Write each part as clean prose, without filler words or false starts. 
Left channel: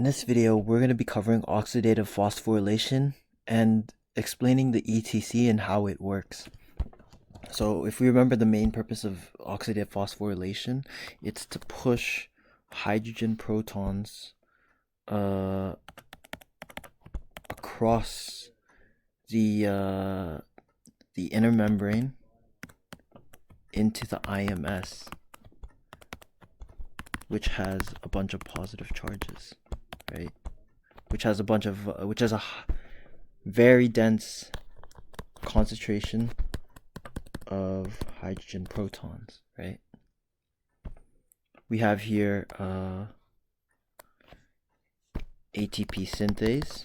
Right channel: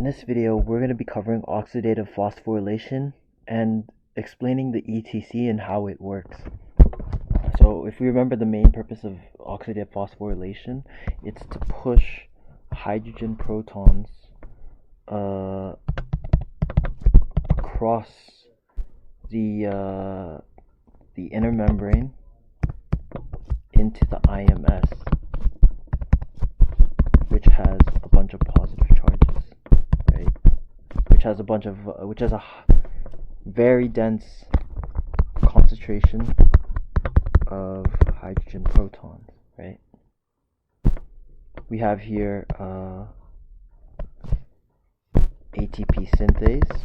In this video, we're going to be covering oxidative phosphorylation and explaining the ETC and how it works. So if we remember the main purpose of oxidative phosphorylation, it's to push hydrogen protons across the inner membrane into the IMS, which has a bunch of positive charges, right? Which has a very dense concentration of hydrogen protons, right? We have here ATP synthase,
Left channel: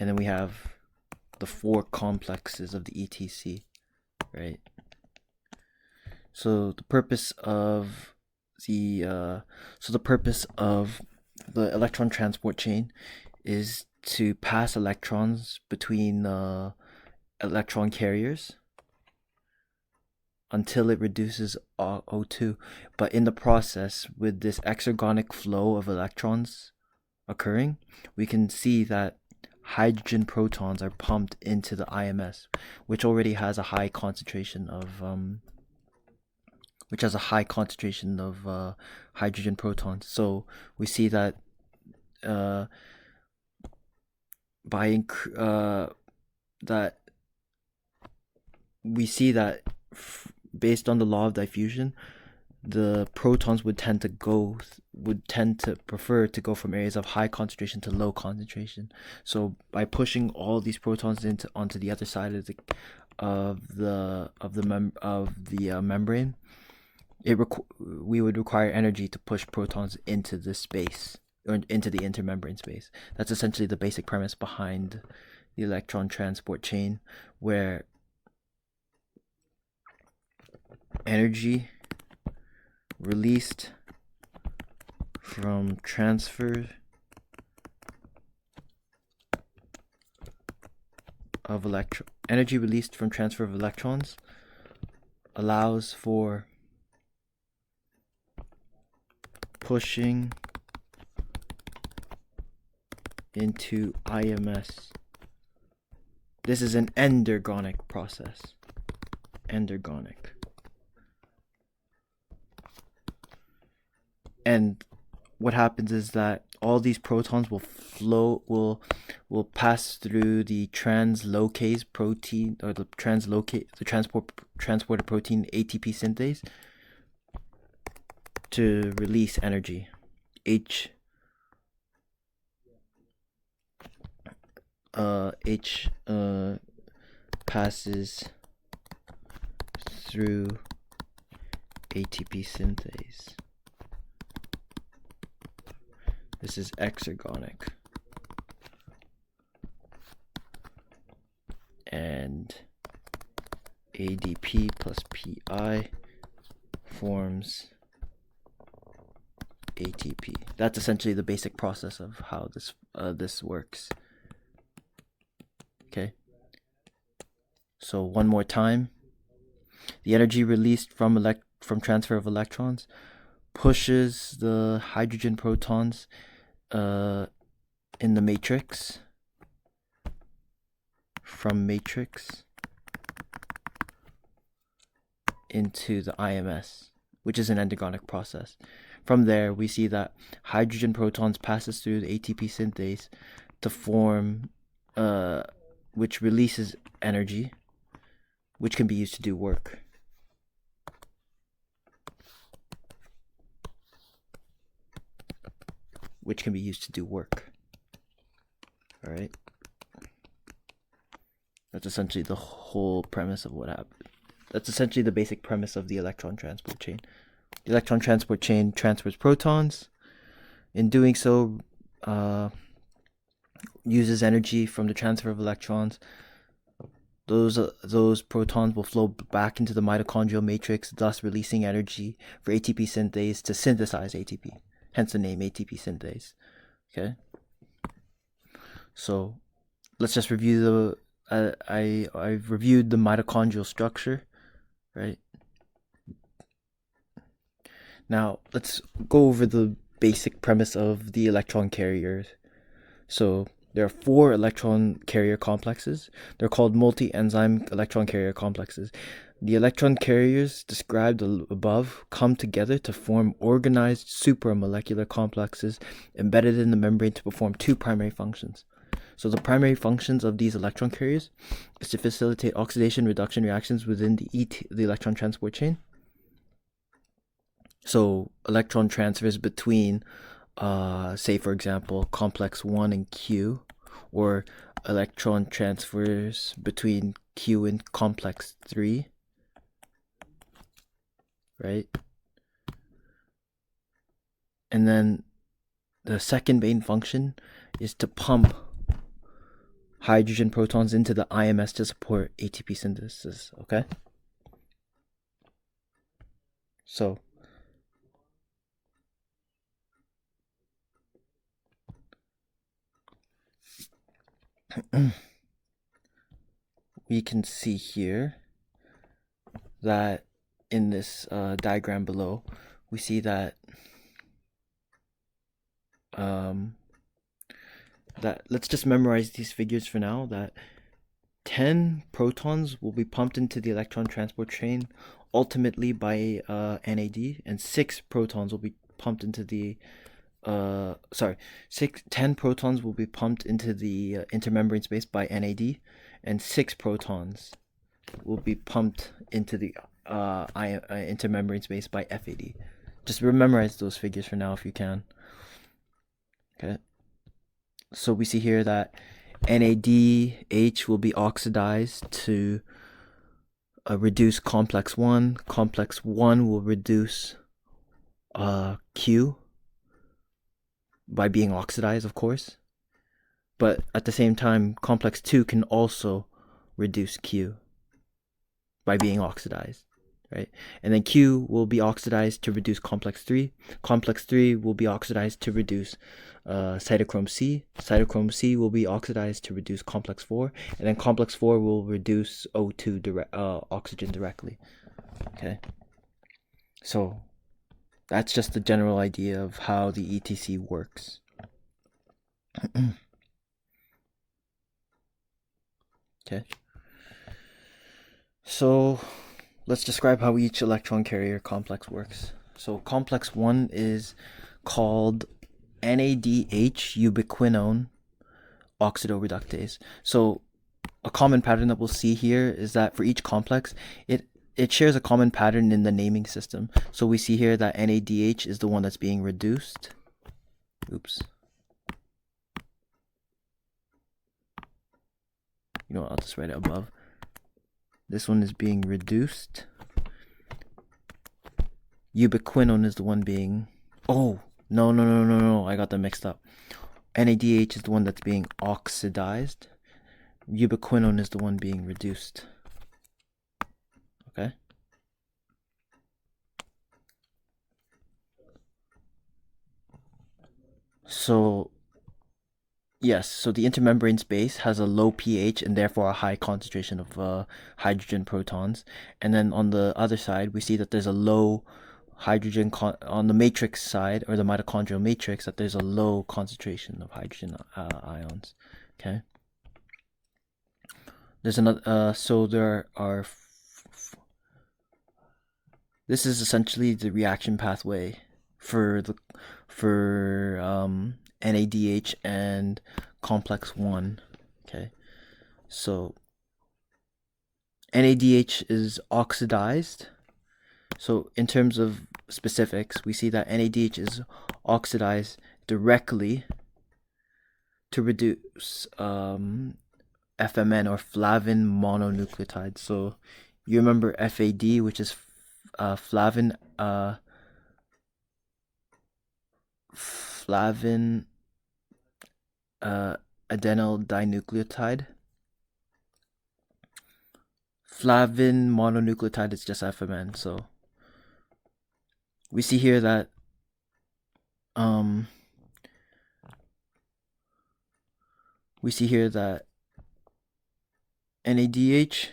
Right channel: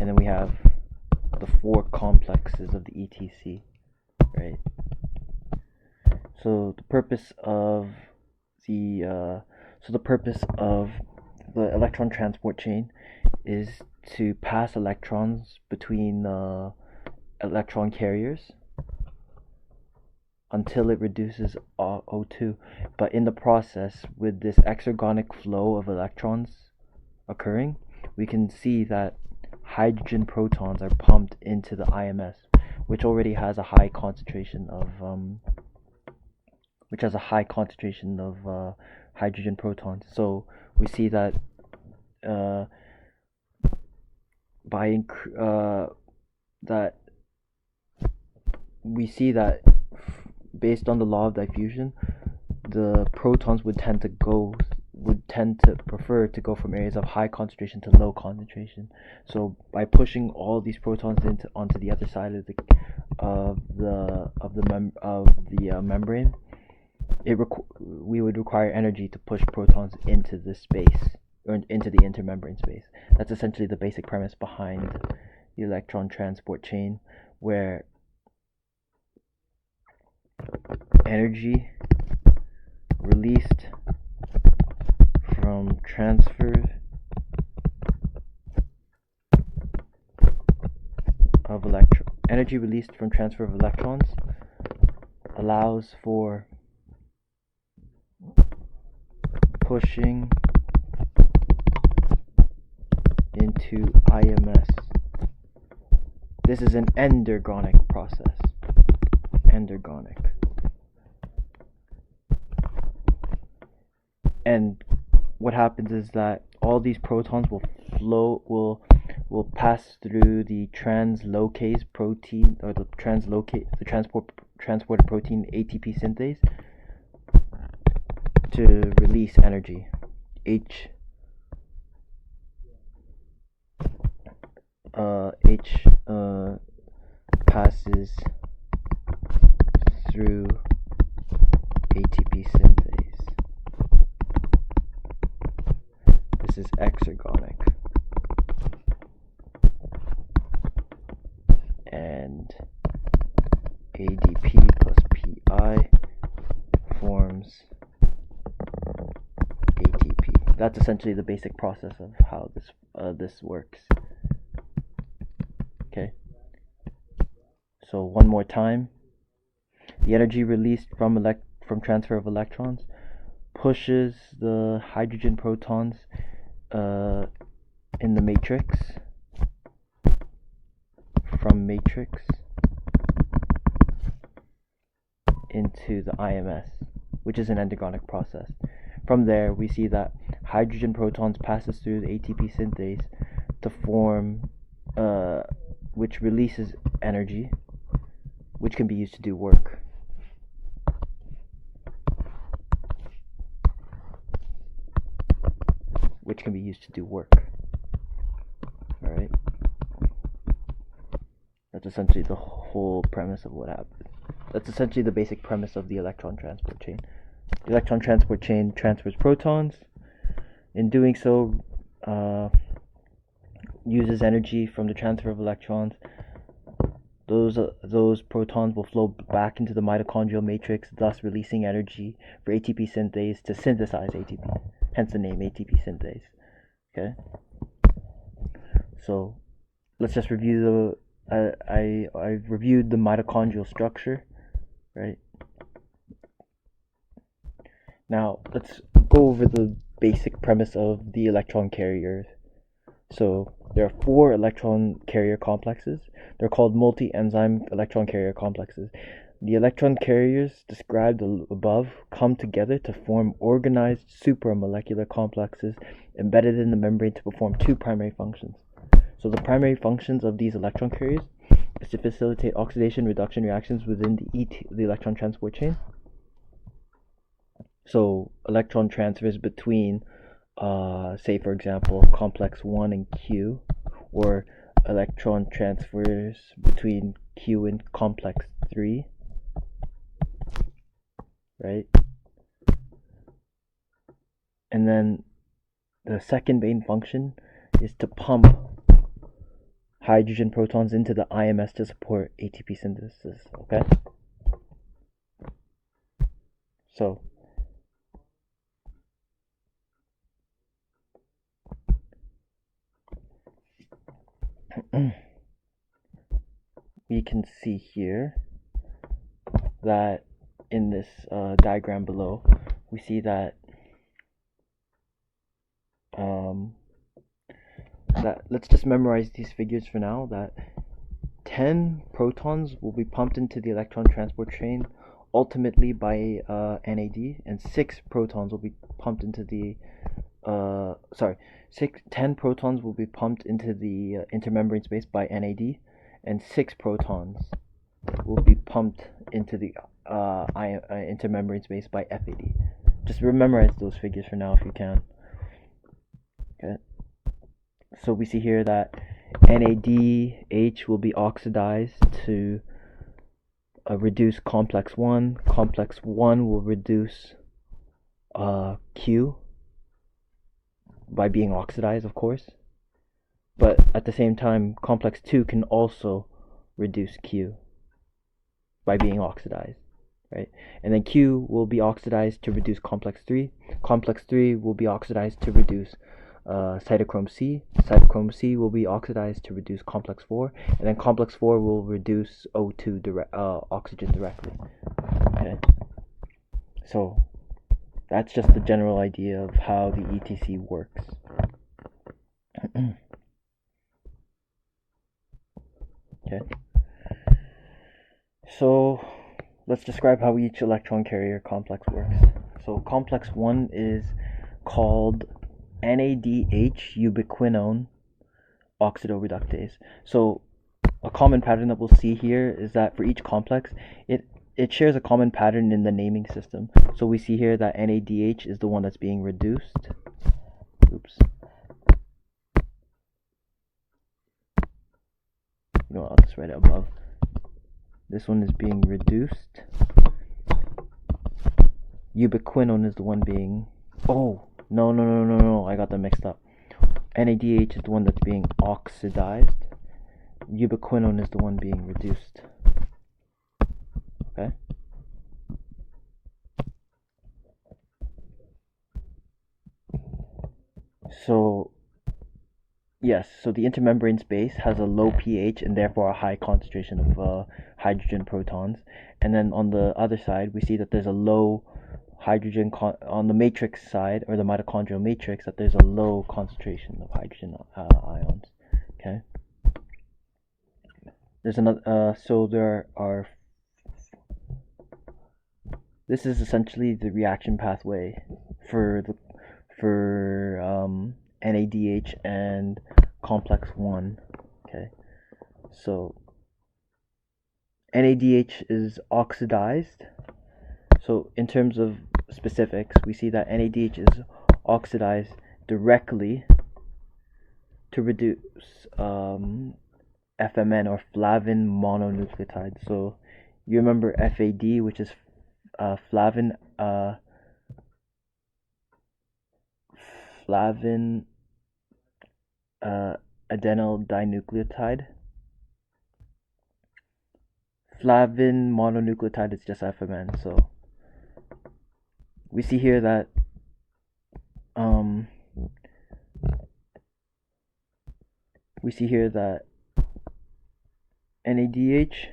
and then we have the four complexes of the ETC, right? So the purpose of the electron transport chain is to pass electrons between electron carriers until it reduces O2. But in the process, with this exergonic flow of electrons occurring, we can see that hydrogen protons are pumped into the IMS, which already has a high concentration of hydrogen protons. So we see that based on the law of diffusion, the protons would tend to prefer to go from areas of high concentration to low concentration. So by pushing all these protons onto the other side of the membrane, we would require energy to push protons into this space, or into the intermembrane space. That's essentially the basic premise behind the electron transport chain, where energy released from transfer of electrons allows for pushing into IMS. This is an endergonic process. Endergonic. And what happens is that all these protons will pass through the translocase protein, or the transporter protein ATP synthase, to release energy. H passes through ATP synthase. This is exergonic. And ADP plus PI forms ATP. That's essentially the basic process of how this works. Okay. So one more time, the energy released from transfer of electrons pushes the hydrogen protons in the matrix, from matrix into the IMS, which is an endergonic process. From there, we see that hydrogen protons passes through the ATP synthase to form, which releases energy, which can be used to do work. Alright? That's essentially the whole premise of what happened. That's essentially the basic premise of the electron transport chain. The electron transport chain transfers protons. In doing so, uses energy from the transfer of electrons. Those protons will flow back into the mitochondrial matrix, thus releasing energy for ATP synthase to synthesize ATP. Hence the name ATP synthase. Okay. So let's just review I've reviewed the mitochondrial structure, right? Now let's go over the basic premise of the electron carriers. So there are 4 electron carrier complexes. They're called multi-enzyme electron carrier complexes. The electron carriers described above come together to form organized supramolecular complexes embedded in the membrane to perform 2 primary functions. So the primary functions of these electron carriers is to facilitate oxidation reduction reactions within the electron transport chain. So electron transfers between, say for example, complex 1 and Q, or electron transfers between Q and complex 3, right? And then the second main function is to pump hydrogen protons into the IMS to support ATP synthesis, okay? So we can see here that in this diagram below, we see that let's just memorize these figures for now, that 10 protons will be pumped into the electron transport chain ultimately by NAD, and 6 protons will be pumped into the 10 protons will be pumped into the intermembrane space by NAD, and 6 protons will be pumped into the intermembrane space by FAD. Just memorize those figures for now if you can. Okay. So we see here that NADH will be oxidized to reduce complex 1. Complex 1 will reduce Q by being oxidized, of course. But at the same time, complex 2 can also reduce Q by being oxidized, right? And then Q will be oxidized to reduce complex 3. Complex 3 will be oxidized to reduce Cytochrome C. Cytochrome C will be oxidized to reduce complex 4, and then complex 4 will reduce O2 oxygen directly. Okay, so that's just the general idea of how the ETC works. Okay, so let's describe how each electron carrier complex works. So complex 1 is called NADH ubiquinone oxidoreductase. So a common pattern that we'll see here is that for each complex, it shares a common pattern in the naming system. So we see here that NADH is the one that's being reduced. Oops. You know, I'll just write it above. This one is being reduced. Ubiquinone is the one being... Oh, no, I got them mixed up. NADH is the one that's being oxidized. Ubiquinone is the one being reduced. Okay? So, yes, so the intermembrane space has a low pH and therefore a high concentration of hydrogen protons. And then on the other side, we see that there's a low hydrogen on the matrix side, or the mitochondrial matrix, that there's a low concentration of hydrogen ions. Okay. There's another. So there are. This is essentially the reaction pathway for NADH and complex 1. Okay. So NADH is oxidized. So in terms of specifics, we see that NADH is oxidized directly to reduce FMN, or flavin mononucleotide. So you remember FAD, which is flavin adenyl dinucleotide. Flavin mononucleotide is just FMN. So we see here that NADH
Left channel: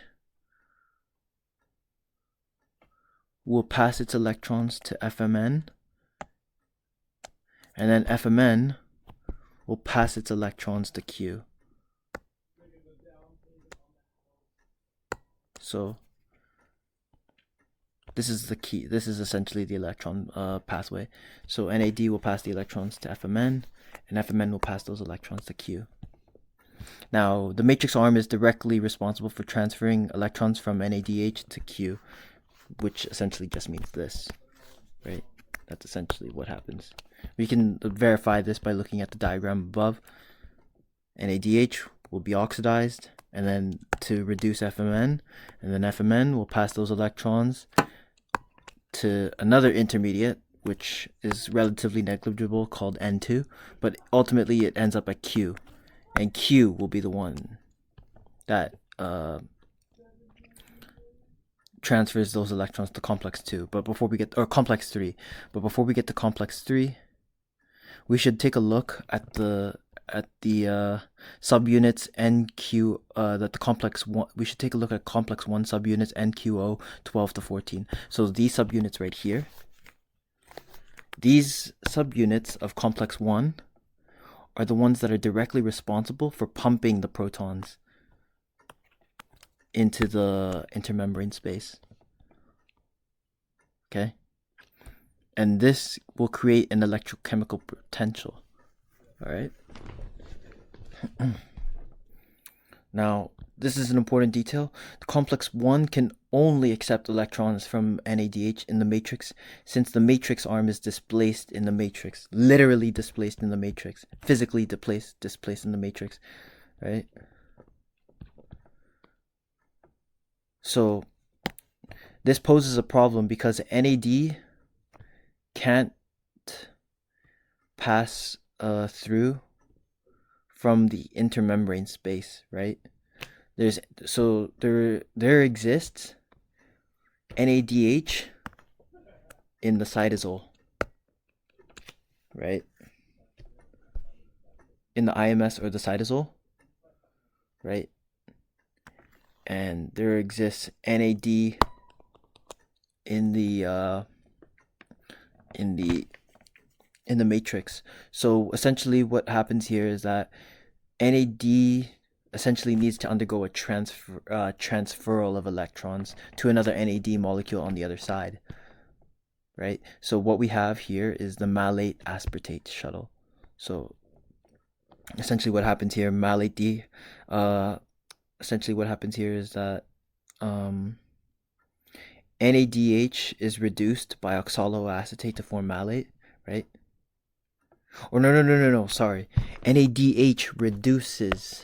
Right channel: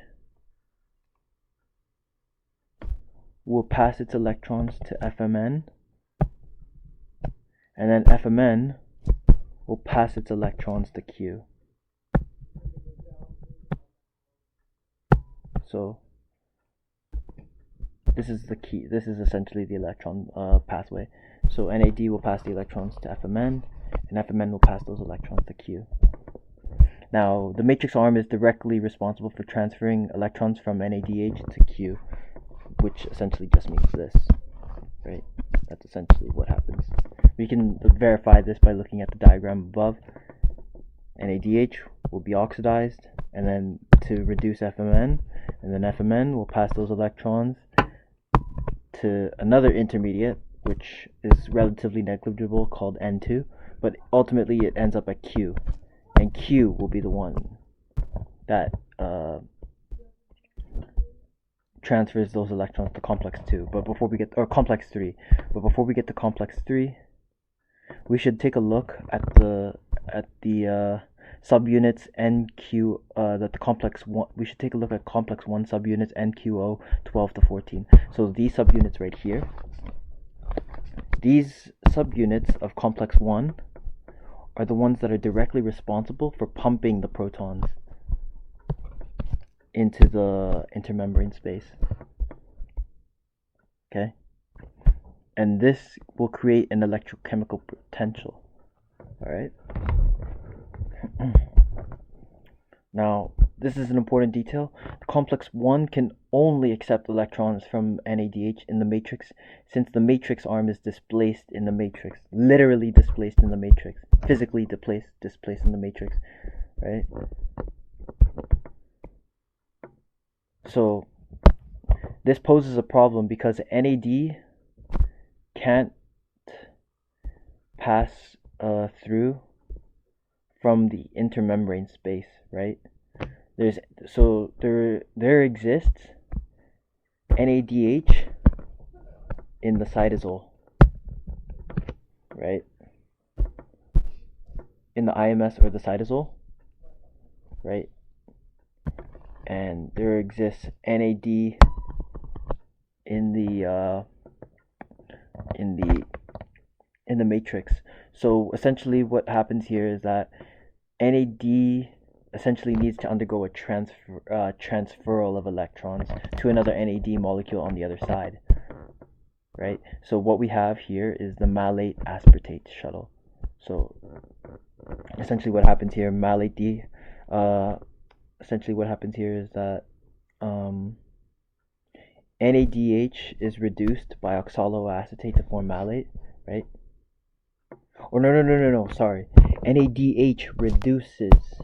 will pass its electrons to FMN, and then FMN will pass its electrons to Q. So this is the key. This is essentially the electron pathway. So NAD will pass the electrons to FMN, and FMN will pass those electrons to Q. Now, the matrix arm is directly responsible for transferring electrons from NADH to Q, which essentially just means this, right? That's essentially what happens. We can verify this by looking at the diagram above. NADH will be oxidized, and then to reduce FMN, and then FMN will pass those electrons to another intermediate, which is relatively negligible, called N2, but ultimately it ends up at Q, and Q will be the one that transfers those electrons to complex 2. But before we get, or complex 3, but before we get to complex 3, we should take a look at the subunits NQ that the complex 1. We should take a look at complex 1 subunits NQO 12 to 14. So these subunits right here, these subunits of complex 1 are the ones that are directly responsible for pumping the protons into the intermembrane space. Okay? And this will create an electrochemical potential. Alright? Now, this is an important detail. The complex 1 can only accept electrons from NADH in the matrix, since the matrix arm is displaced in the matrix. Literally displaced in the matrix. Physically displaced in the matrix. Right? So, this poses a problem because NAD can't pass through from the intermembrane space, right? There exists NADH in the cytosol, right? In the IMS or the cytosol, right? And there exists NAD in the matrix. So essentially what happens here is that NAD essentially needs to undergo a transferal of electrons to another NAD molecule on the other side, right? So what we have here is the Malate-Aspartate Shuttle. So essentially what happens here, essentially what happens here is that NADH is reduced by oxaloacetate to form malate, right? Or no, sorry. NADH reduces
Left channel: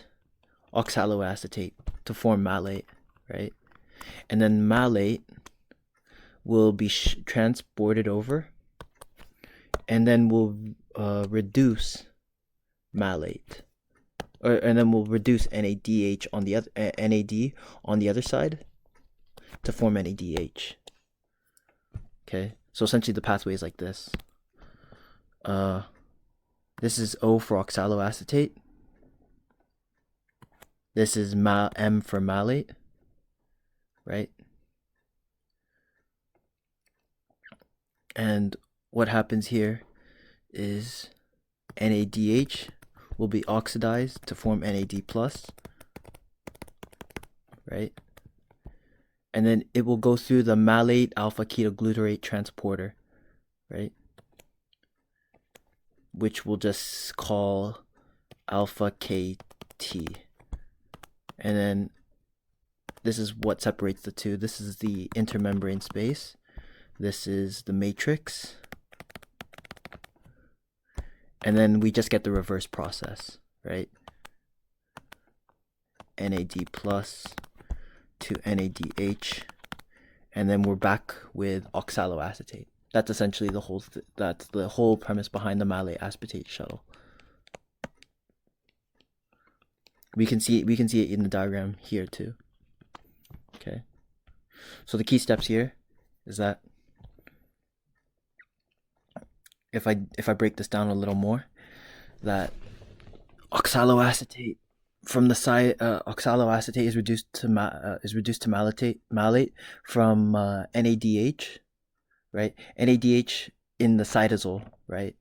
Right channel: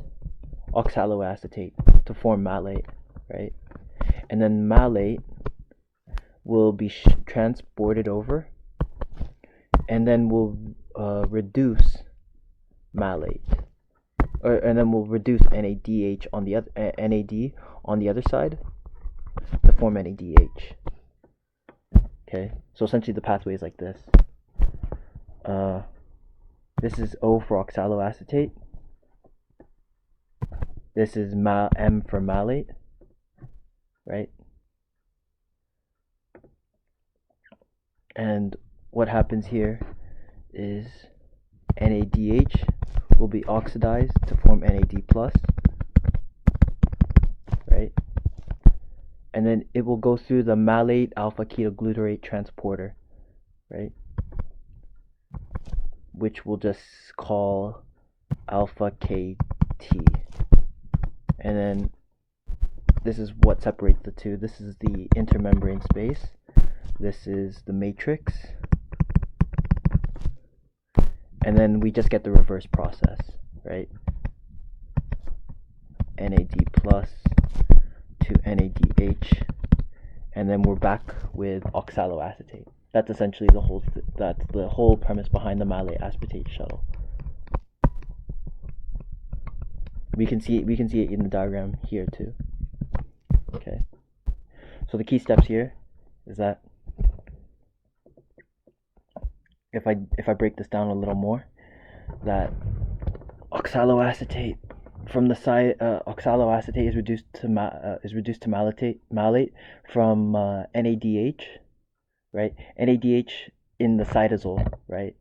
oxaloacetate to form malate, right? And then malate will be transported over, and then will reduce malate, and then we'll reduce NADH on the other NAD on the other side to form NADH. Okay, so essentially the pathway is like this. This is O for oxaloacetate. This is M for malate, right? And what happens here is NADH will be oxidized to form NAD+, right? And then it will go through the malate alpha ketoglutarate transporter, right? Which we'll just call alpha KT. And then this is what separates the two. This is the intermembrane space. This is the matrix. And then we just get the reverse process, right? NAD plus to NADH. And then we're back with oxaloacetate. That's essentially the whole that's the whole premise behind the Malate-Aspartate Shuttle. We can see it in the diagram here too. Okay. So the key steps here is that if I break this down a little more, that oxaloacetate from the side oxaloacetate is reduced to malate from NADH, right? NADH in the cytosol, right?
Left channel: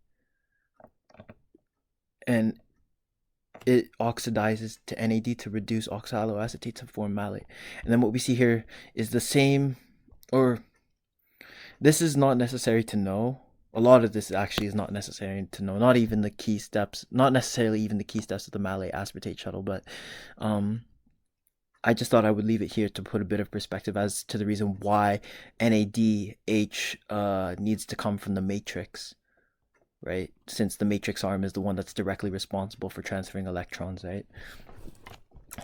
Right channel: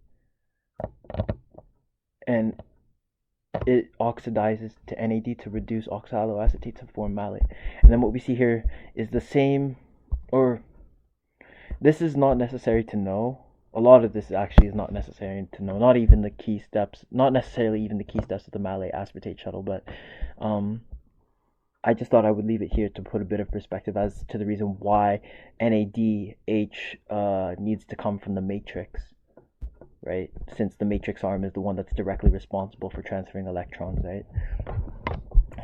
and it oxidizes to NAD to reduce oxaloacetate to form malate. And then what we see here is the same, or this is not necessary to know. A lot of this actually is not necessary to know. Not even the key steps, not necessarily even the key steps of the Malate-Aspartate Shuttle, but I just thought I would leave it here to put a bit of perspective as to the reason why NADH needs to come from the matrix, right? Since the matrix arm is the one that's directly responsible for transferring electrons, right?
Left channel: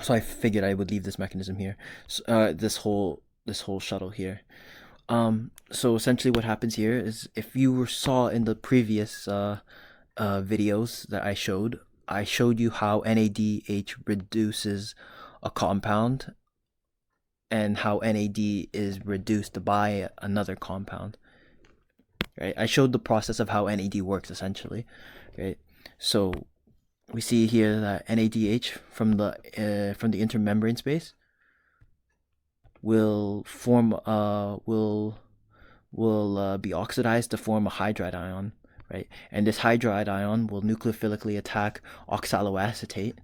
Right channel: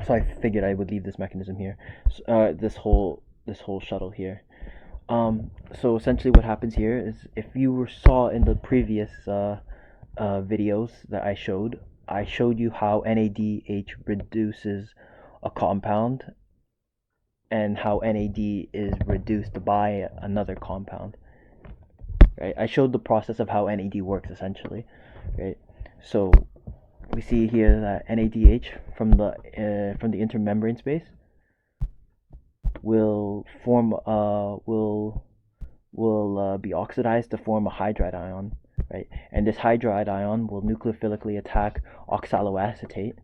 So I figured I would leave this mechanism here, this whole shuttle here. So essentially what happens here is, if you saw in the previous videos that I showed you how NADH reduces a compound and how NAD is reduced by another compound, right? I showed the process of how NAD works essentially, right? So we see here that NADH from the intermembrane space will form be oxidized to form a hydride ion, right? And this hydride ion will nucleophilically attack oxaloacetate,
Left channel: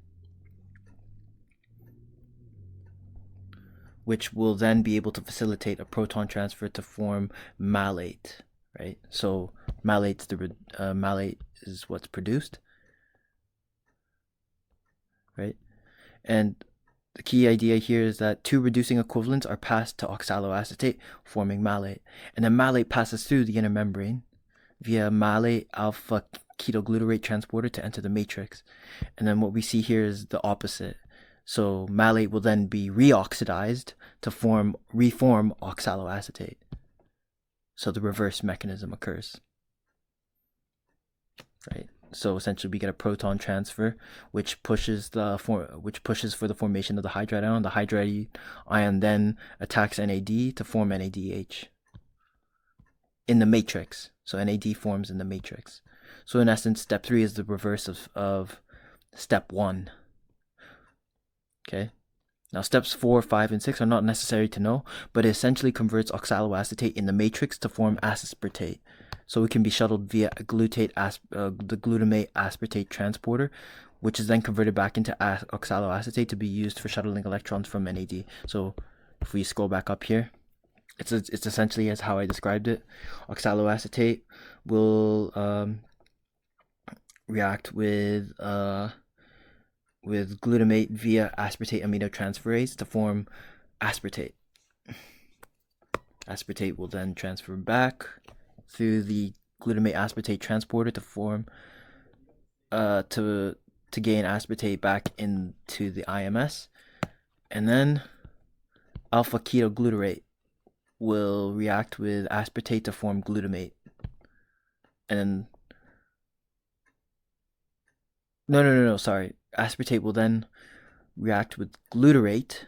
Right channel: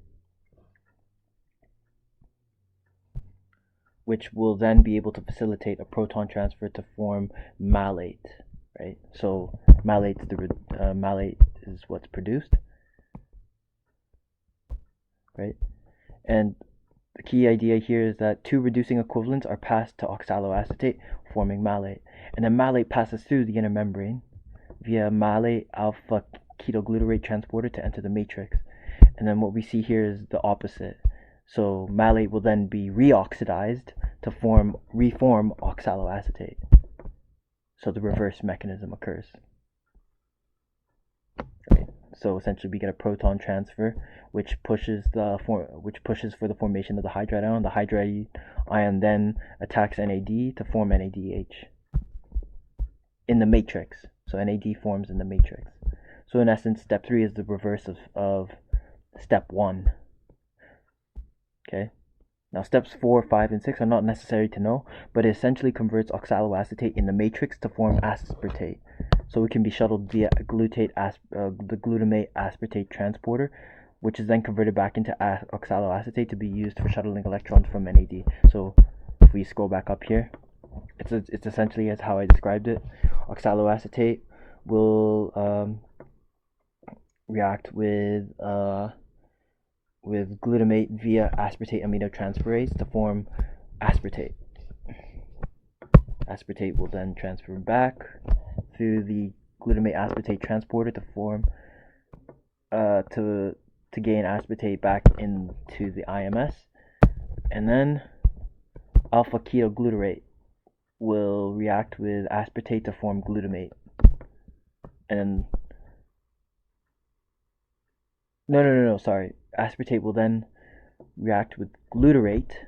which will then be able to facilitate a proton transfer to form malate, right? So malate is what's produced, right? And the key idea here is that two reducing equivalents are passed to oxaloacetate, forming malate. And then malate passes through the inner membrane via malate alpha ketoglutarate transporter to enter the matrix. And then what we see here is the opposite. So malate will then be reoxidized to reform oxaloacetate. So the reverse mechanism occurs, right? So essentially we get a proton transfer, which pushes for the formation of the hydride ion. The hydride ion then attacks NAD to form NADH in the matrix. So NAD forms in the matrix. So in essence, step 3 is the reverse of step 1. Okay. Now steps 4, 5, and 6 are not necessary to know, but it essentially converts oxaloacetate in the matrix to form aspartate. So it can be shuttled via the glutamate aspartate transporter, which is then converted back into oxaloacetate to be used for shuttling electrons from NAD. So if we scroll back up here, it's essentially as how I described it. Oxaloacetate will react with glutamate via aspartate aminotransferase to form aspartate. Aspartate will then transfer back through the glutamate aspartate transporter to form to gain aspartate back into the IMS, and then alpha ketoglutarate will react with aspartate to form glutamate, and then sorry, aspartate will then react with glutarate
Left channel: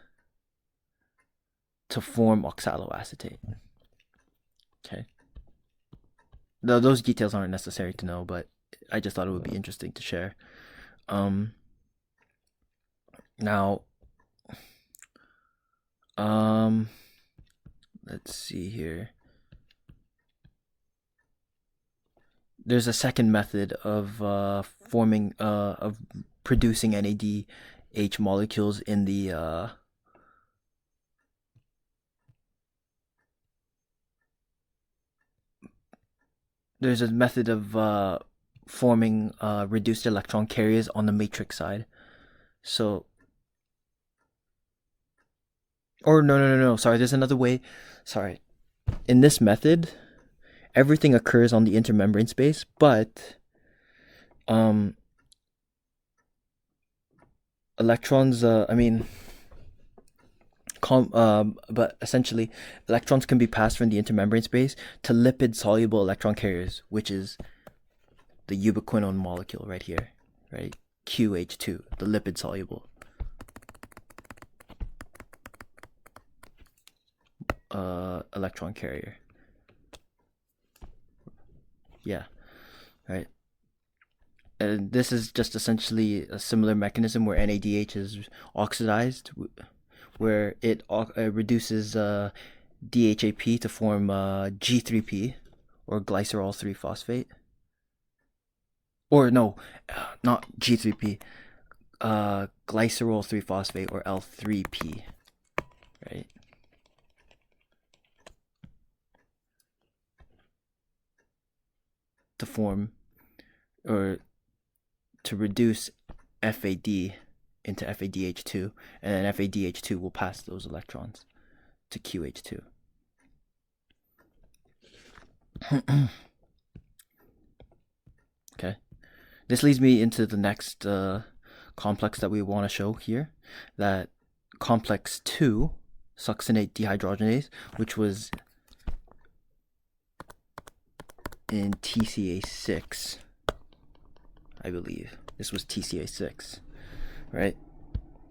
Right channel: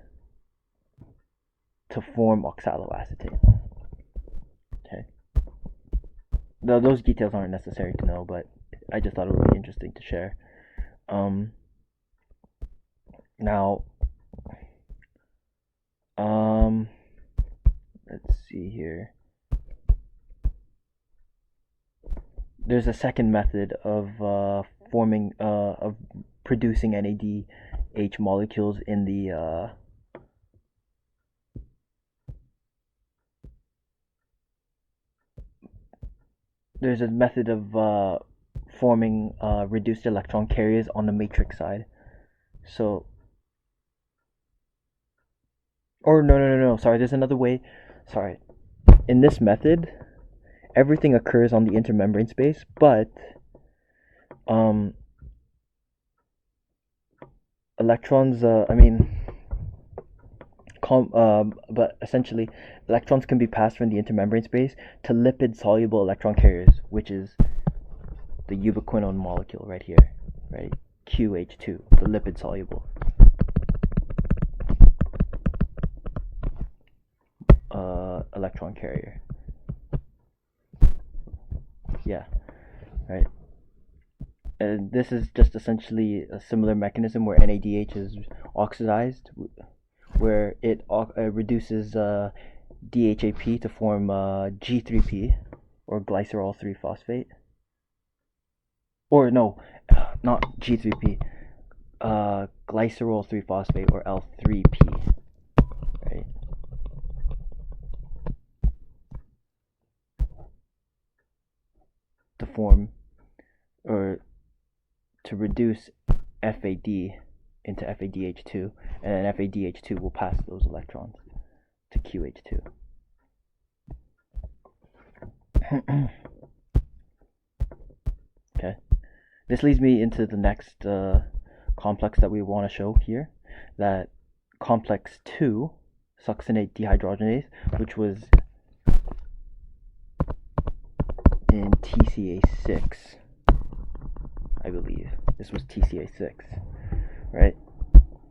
to form oxaloacetate. Okay. Those details aren't necessary to know, but I just thought it would be interesting to share. Now, let's see here. There's a second method of of producing NADH molecules in the there's a method of forming reduced electron carriers on the matrix side. So, or no, sorry, there's another way. Sorry. In this method, everything occurs on the intermembrane space, but electrons, but essentially electrons can be passed from the intermembrane space to lipid soluble electron carriers, which is the ubiquinone molecule right here, right? QH2, the lipid soluble electron carrier. Yeah, right. This is just essentially a similar mechanism where NADH is oxidized, where it reduces DHAP to form G3P, or glycerol 3-phosphate. Or no, not G3P, glycerol 3-phosphate, or L3P, right? To form, or to reduce FAD into FADH2, and then FADH2 will pass those electrons to QH2. Okay, this leads me into the next complex that we want to show here, that complex 2, succinate dehydrogenase, which was in TCA6, I believe. This was TCA6, right?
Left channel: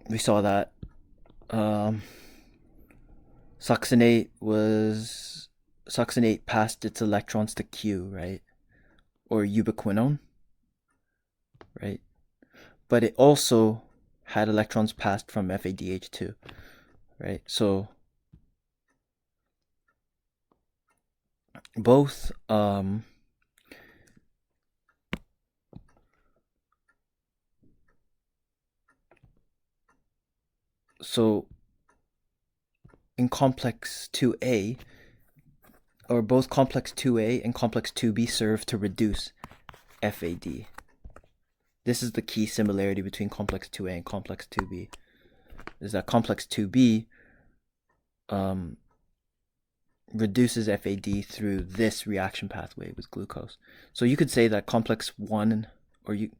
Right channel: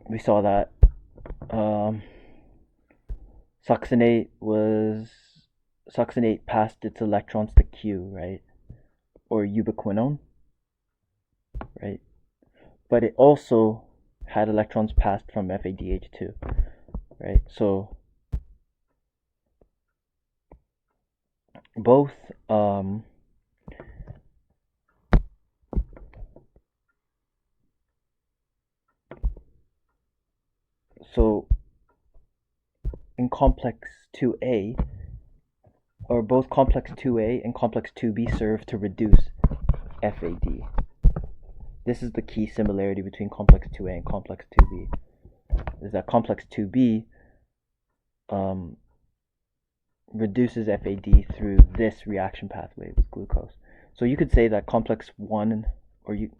We saw that succinate passed its electrons to Q, right? Or ubiquinone, right? But it also had electrons passed from FADH2, right? So both so in complex 2A, or both complex 2A and complex 2B serve to reduce FAD. This is the key similarity between complex 2A and complex 2B, is that complex 2B reduces FAD through this reaction pathway with glucose. So you could say that complex 1, or you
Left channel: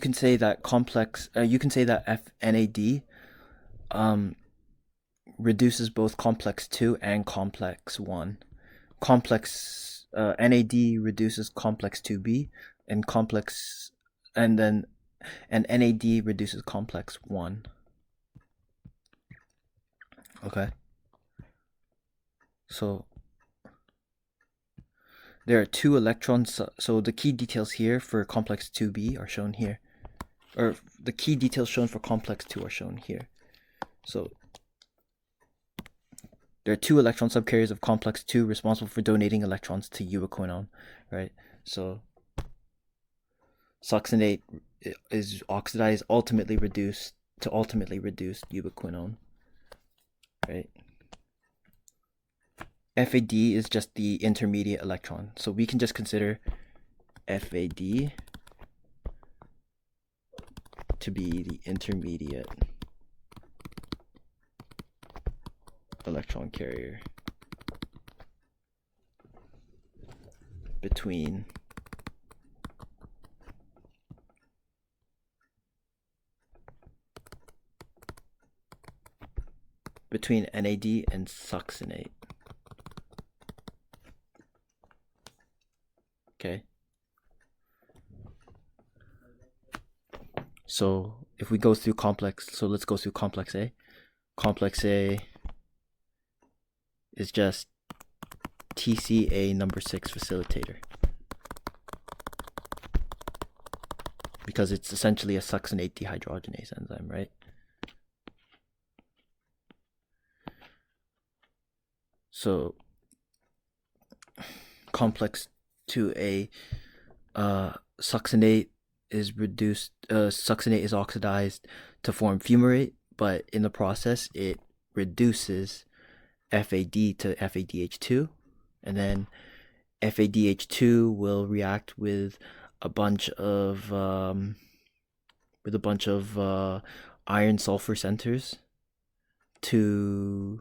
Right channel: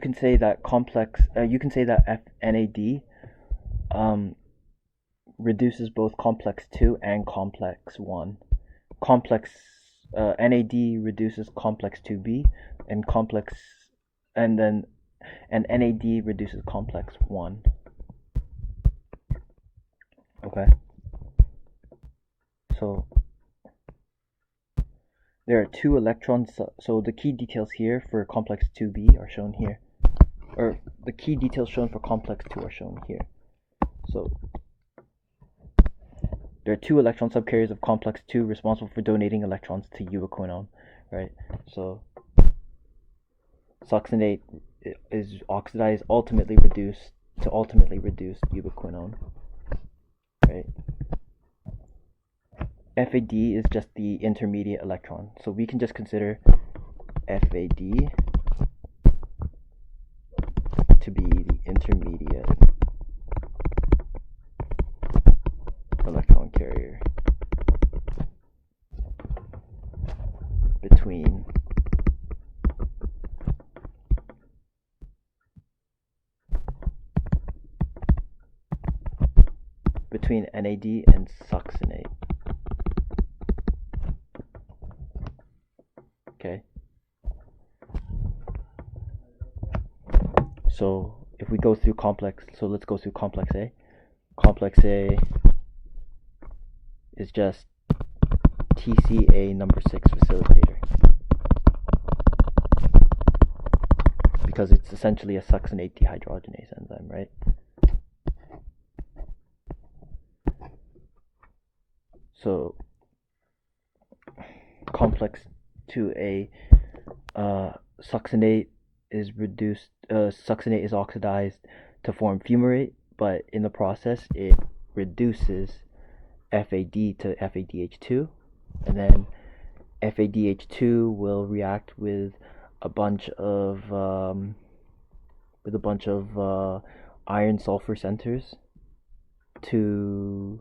can say that complex, you can say that NAD reduces both complex 2 and complex 1. Complex NAD reduces complex 2B, and NAD reduces complex 1. Okay. So there are 2 electrons. So the key details here for complex 2B are shown here, or the key details shown for complex 2 are shown here. So there are 2 electron subcarriers of complex 2 responsible for donating electrons to ubiquinone, right? So succinate is oxidized, ultimately reduced ubiquinone, right? FAD is just the intermediate electron, so we can just consider FAD to be the intermediate electron carrier between NAD and succinate. Okay. So if we go through let's go through complex A. Complex A is just TCA number 6 facilitator, because it's essentially a succinate dehydrogenase enzyme, right? So complex 2A, succinate is oxidized to form fumarate, but in the process it reduces FAD to FADH2, and then FADH2 will react with a bunch of iron sulfur centers through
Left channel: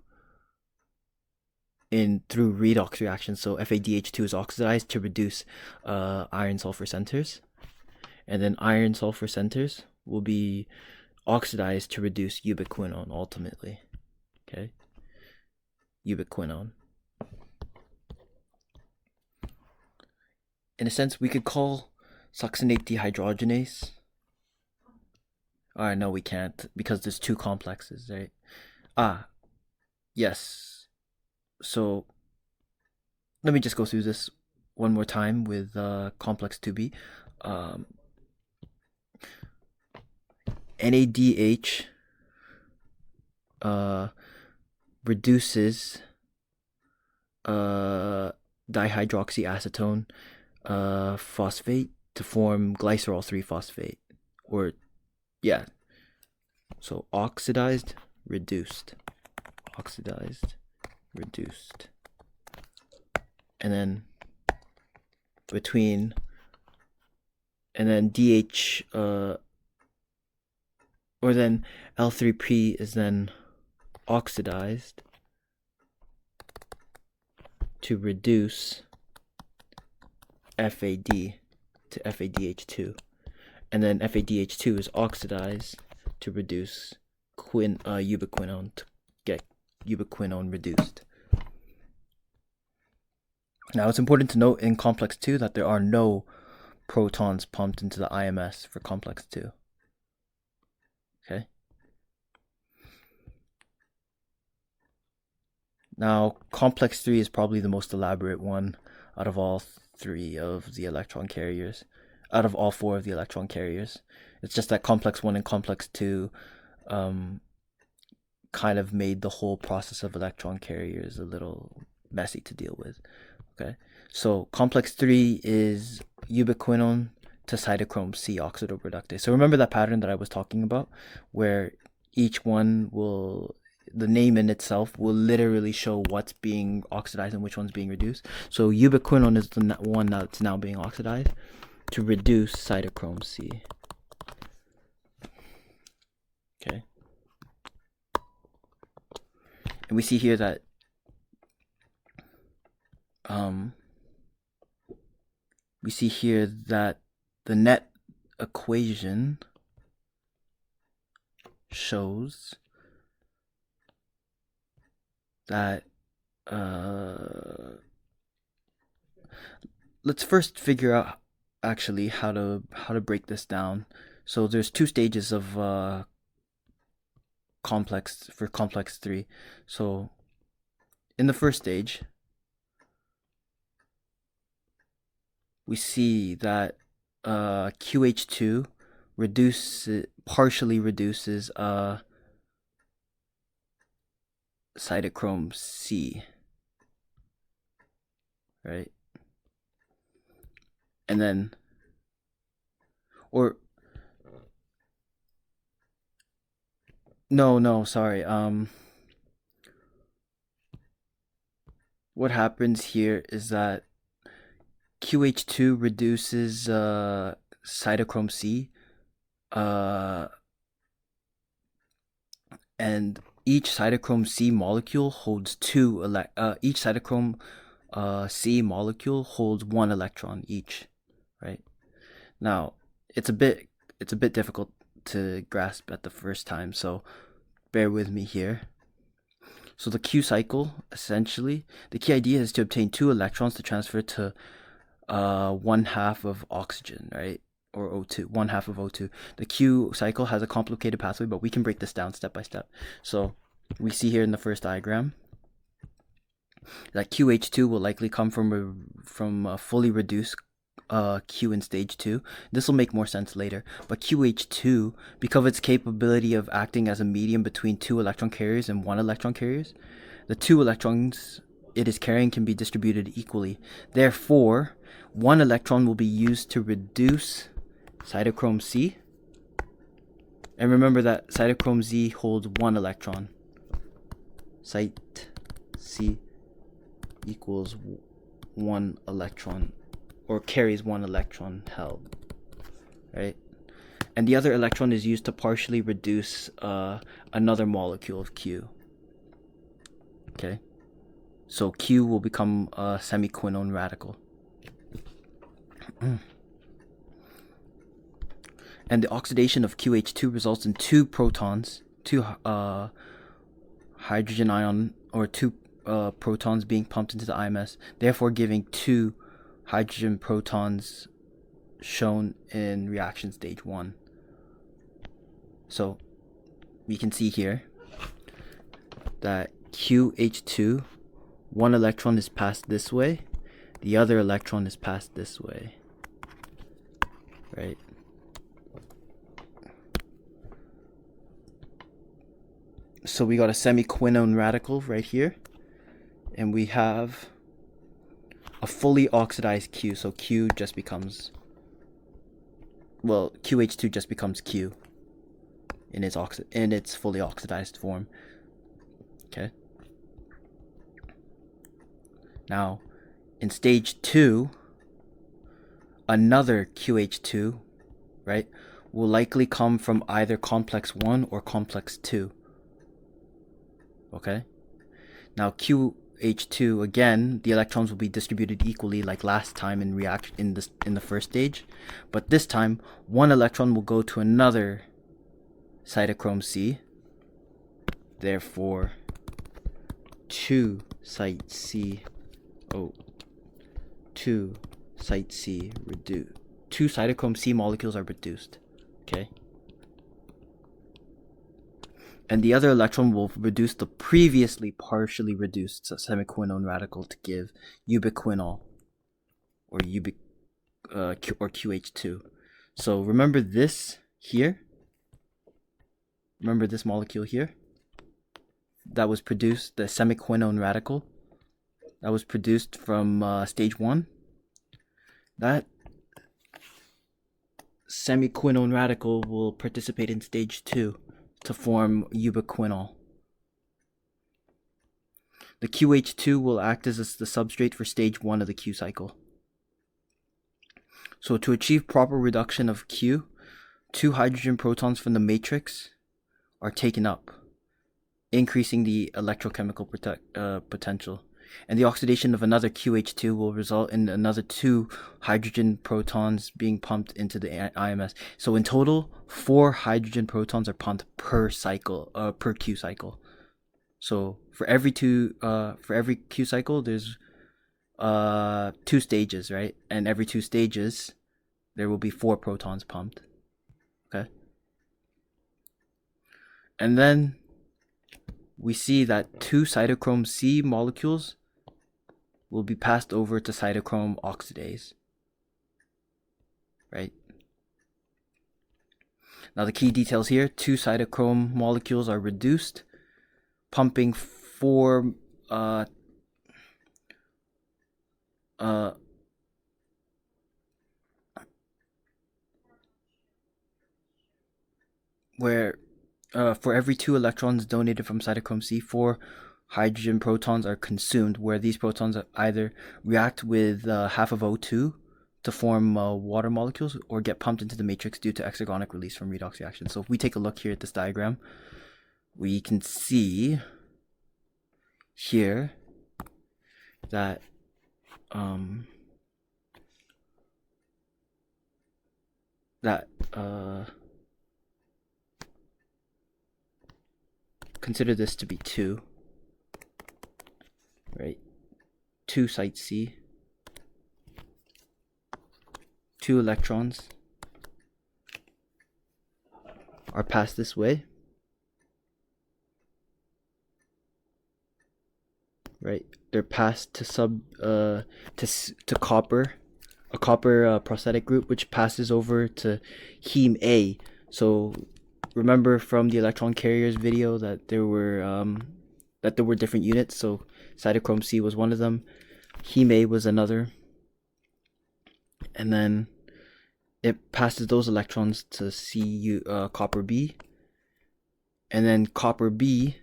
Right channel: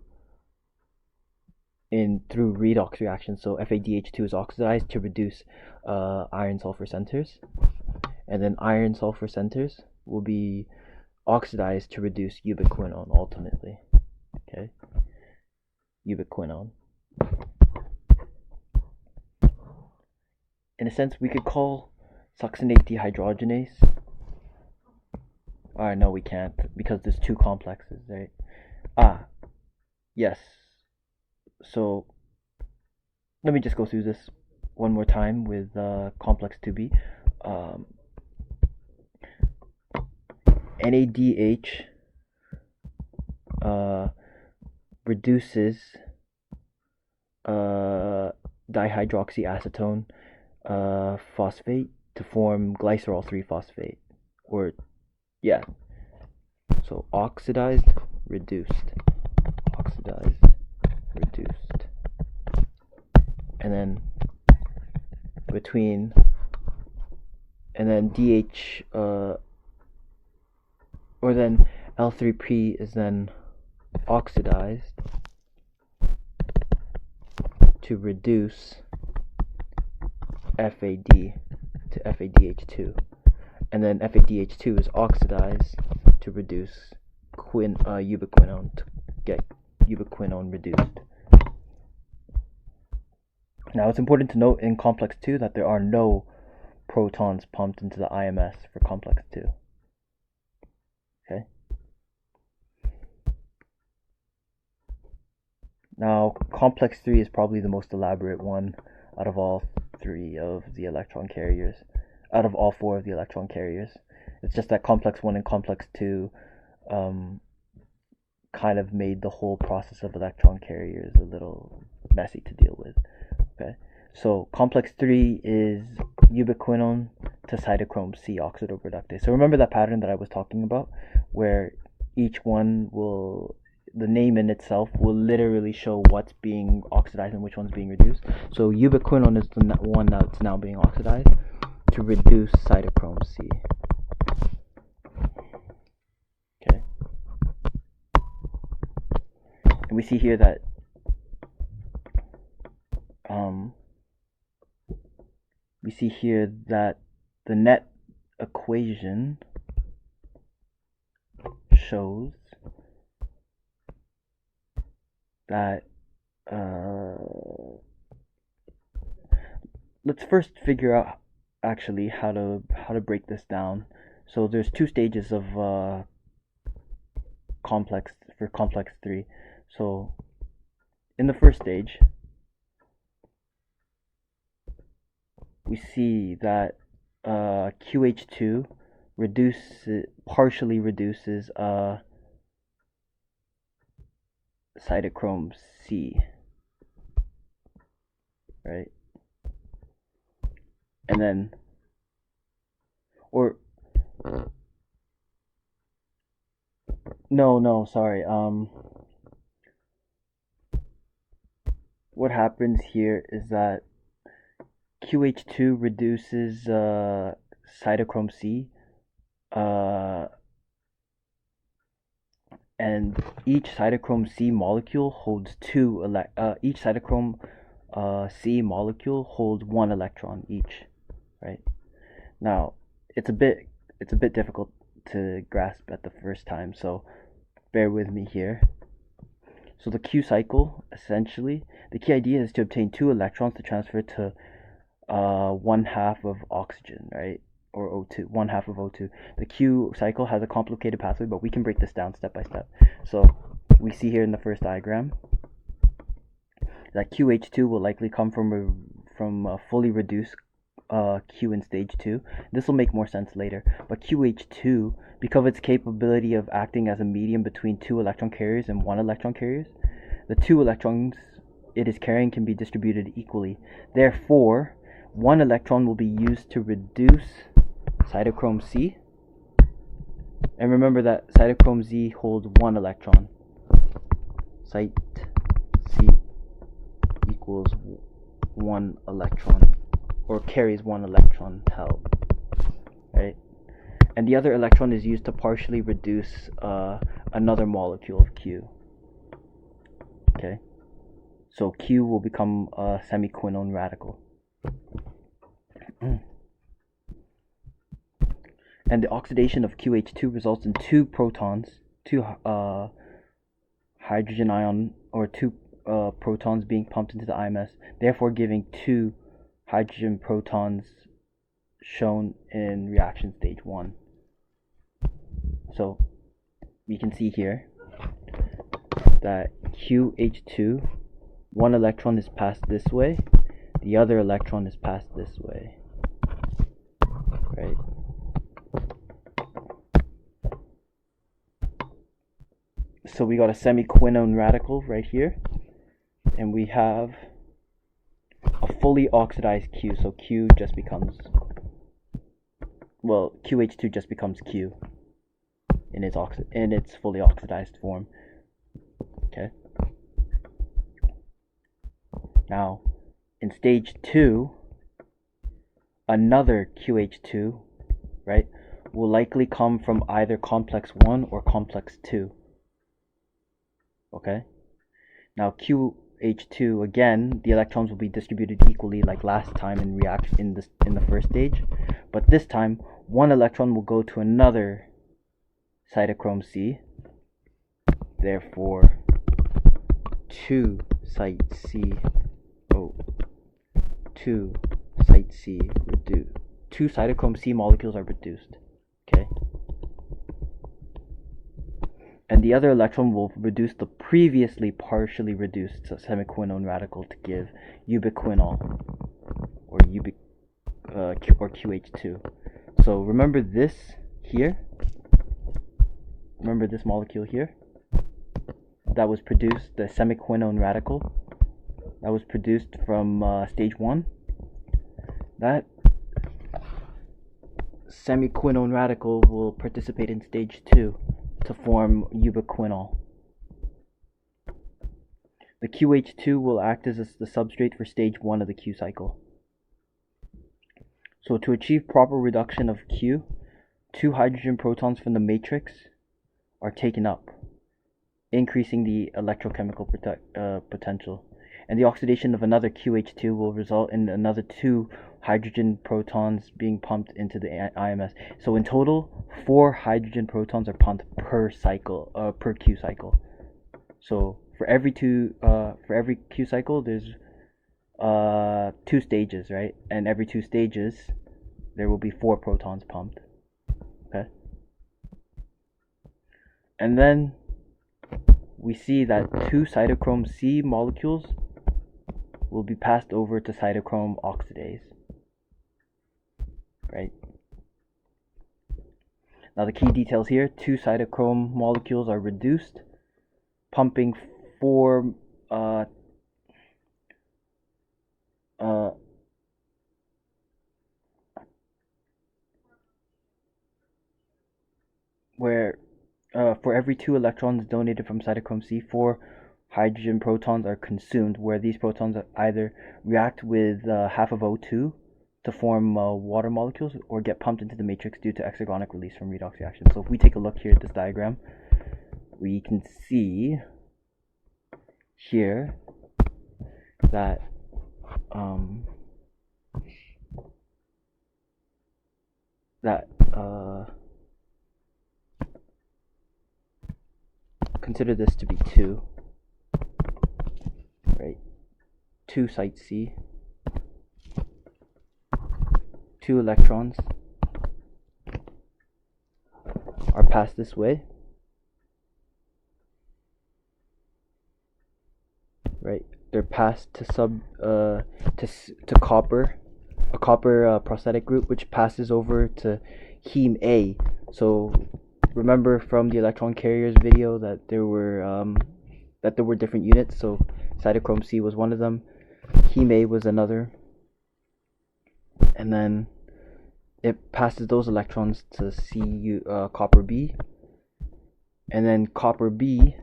redox reaction. So FADH2 is oxidized to reduce iron sulfur centers, and then iron sulfur centers will be oxidized to reduce ubiquinone ultimately. Okay, ubiquinone. In a sense, we could call succinate dehydrogenase. No, we can't, because there's 2 complexes, right? Yes. So let me just go through this one more time with complex 2B. NADH reduces dihydroxyacetone phosphate to form glycerol 3-phosphate, or yeah, so oxidized, reduced, and then between, and then DH, or then L3P is then oxidized to reduce FAD to FADH2, and then FADH2 is oxidized to reduce ubiquinone to get ubiquinone reduced. Now it's important to note in complex 2 that there are no protons pumped into the IMS for complex 2. Okay. Now complex 3 is probably the most elaborate one out of all 3 of the electron carriers, out of all 4 of the electron carriers. It's just that complex 1 and complex 2 kind of made the whole process of electron carriers a little messy to deal with. Okay, so complex 3 is ubiquinone to cytochrome C oxidoreductase. So remember that pattern that I was talking about, where each one will, the name in itself will literally show what's being oxidized and which one's being reduced. So ubiquinone is the one that's now being oxidized to reduce cytochrome C. Okay, and we see here that the net equation shows that let's first figure out actually how to break this down. So there's 2 stages of complex 3. So in the first stage, we see that QH2 partially reduces Cytochrome C, right? And then, or no, sorry. What happens here is that QH2 reduces Cytochrome C, and each Cytochrome C molecule holds each Cytochrome C molecule holds 1 electron each, right? Now it's a bit difficult to grasp at the first time, so bear with me here. So the Q cycle, essentially, the key idea is to obtain 2 electrons to transfer to 1/2 of oxygen, right? Or O2, 1/2 of O2. The Q cycle has a complicated pathway, but we can break this down step by step. So we see here in the first diagram that QH2 will likely come from a fully reduced Q in stage 2. This will make more sense later, but QH2, because of its capability of acting as a medium between 2 electron carriers and 1 electron carriers, the 2 electrons it is carrying can be distributed equally. Therefore, 1 electron will be used to reduce Cytochrome C, and remember that Cytochrome Z holds 1 electron. Cyt C equals 1 electron, or carries 1 electron held, right? And the other electron is used to partially reduce another molecule of Q. Okay, so Q will become a semiquinone radical. And the oxidation of QH2 results in 2 protons, 2 hydrogen ion, or 2 protons being pumped into the IMS, therefore giving 2 hydrogen protons shown in reaction stage 1. So we can see here that QH2, 1 electron is passed this way, the other electron is passed this way, right? So we got a semiquinone radical right here, and we have a fully oxidized Q. So Q just becomes, well, QH2 just becomes Q in its fully oxidized form. Okay. Now, in stage 2, another QH2, right, will likely come from either complex 1 or complex 2. Okay? Now, QH2, again, the electrons will be distributed equally like last time in the first stage, but this time one electron will go to another Cytochrome C. Therefore, two Cytochrome C molecules are reduced. Okay? And the other electron will reduce the previously partially reduced semiquinone radical to give ubiquinol, or QH2. So remember this here? Remember this molecule here? That was produced, the semiquinone radical that was produced from stage 1. That semiquinone radical will participate in stage 2 to form ubiquinol. The QH2 will act as the substrate for stage 1 of the Q cycle. So to achieve proper reduction of Q, 2 hydrogen protons from the matrix are taken up, increasing the electrochemical potential. And the oxidation of another QH2 will result in another 2 hydrogen protons being pumped into the IMS. So in total, 4 hydrogen protons are pumped per cycle, per Q cycle. So for every Q cycle, there's 2 stages, right? And every 2 stages, there will be 4 protons pumped. Okay. And then we see that 2 Cytochrome C molecules will be passed over to cytochrome oxidase, right? Now the key details here: 2 cytochrome molecules are reduced, pumping 4 for every 2 electrons donated from cytochrome C, 4 hydrogen protons are consumed, where these protons either react with half of O2 to form water molecules or get pumped into the matrix due to exergonic release from redox reaction. So if we take a look here at this diagram, we can see here that consider this to be 2, right? 2 site C, 2 electrons are passed this way, right? They're passed to copper, a copper prosthetic group, which passes over to heme A. So remember from the electron carriers video that there were different units. So cytochrome C was one of them, heme A was another, and then it passes those electrons to copper B, and then copper B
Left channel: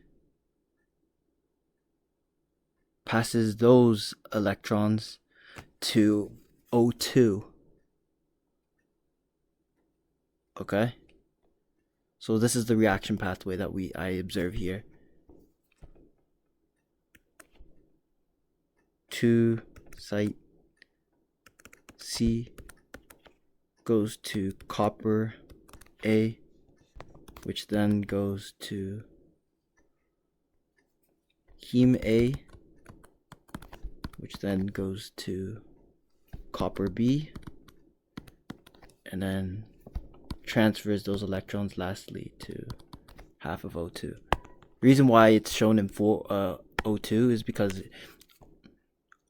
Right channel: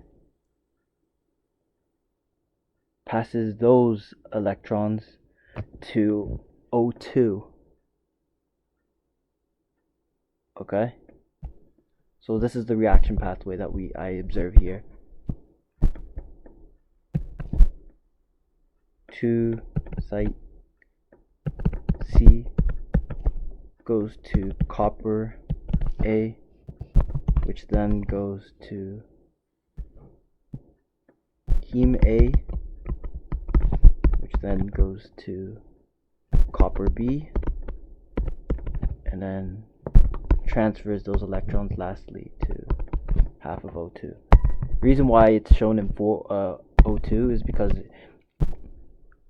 passes those electrons to O2. Okay, so this is the reaction pathway that I observe here. 2 site C goes to copper A, which then goes to heme A, which then goes to copper B, and then transfers those electrons lastly to half of O2. The reason why it's shown in O2 is because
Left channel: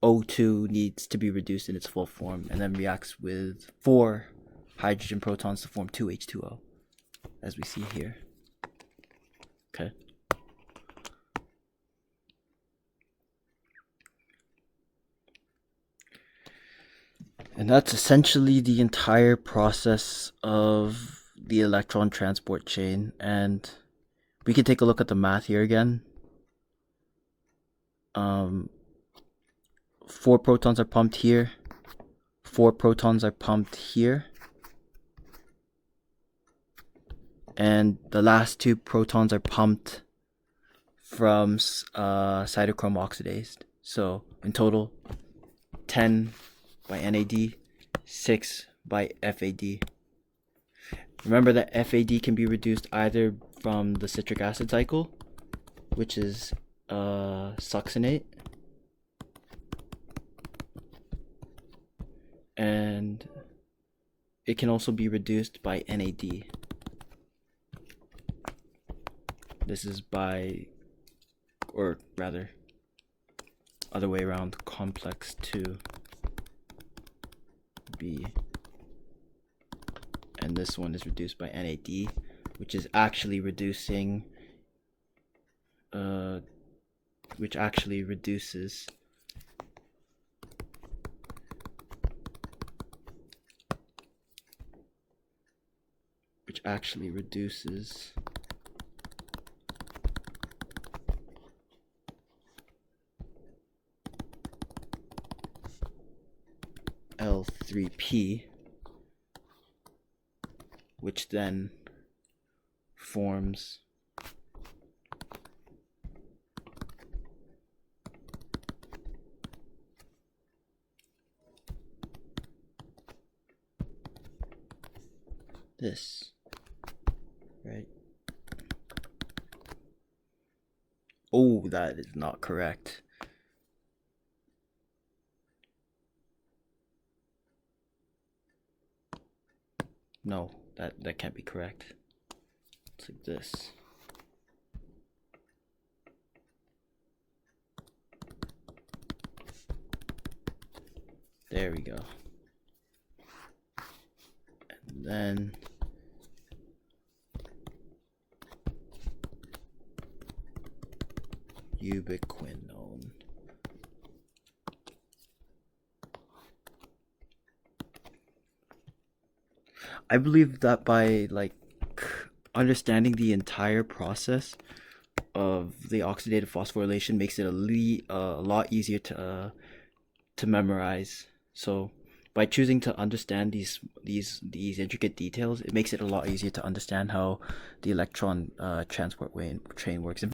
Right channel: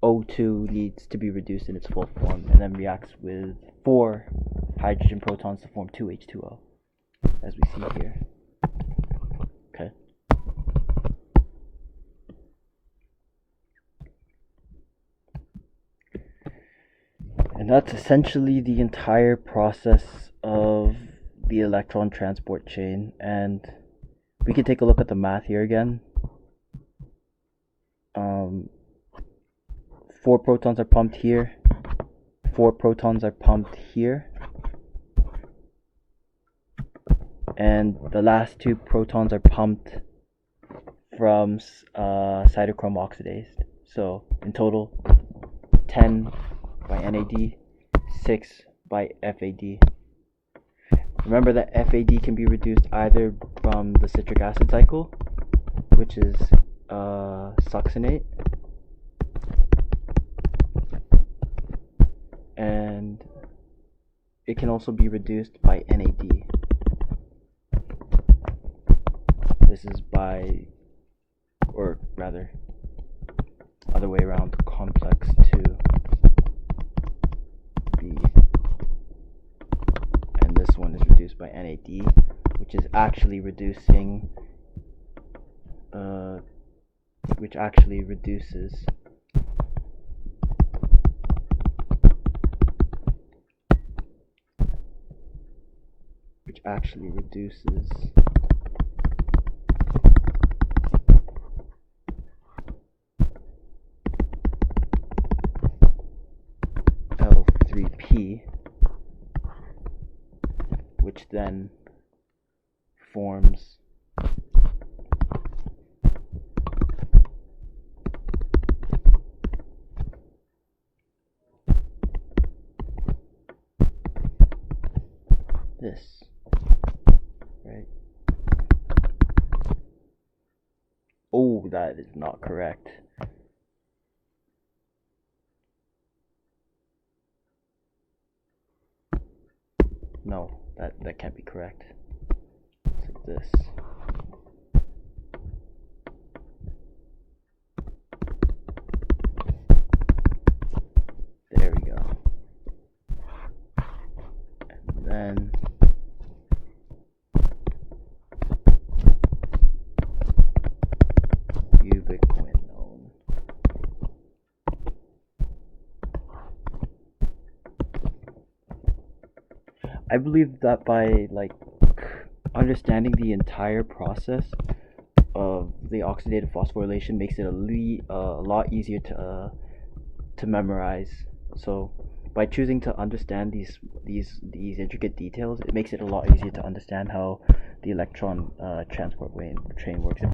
O2 needs to be reduced in its full form and then reacts with 4 hydrogen protons to form 2 H2O, as we see here. Okay. And that's essentially the entire process of the electron transport chain. And we can take a look at the math here again. 4 protons are pumped here. 4 protons are pumped here. And the last 2 protons are pumped from cytochrome oxidized. So in total, 10 by NAD, 6 by FAD. Remember that FAD can be reduced either from the citric acid cycle, which is Succinate, and it can also be reduced by NAD. This is by, or rather, other way around, complex IIB, and this one is reduced by NAD, which is actually reducing, which actually reduces L3P, which then forms this, right? Oh, that is not correct. No, that can't be correct. It's like this. There we go. And then Ubiquinone. I believe that by understanding the entire process of the oxidative phosphorylation makes it a lot easier to memorize. So by choosing to understand these intricate details, it makes it a lot easier to understand how the electron transport chain works.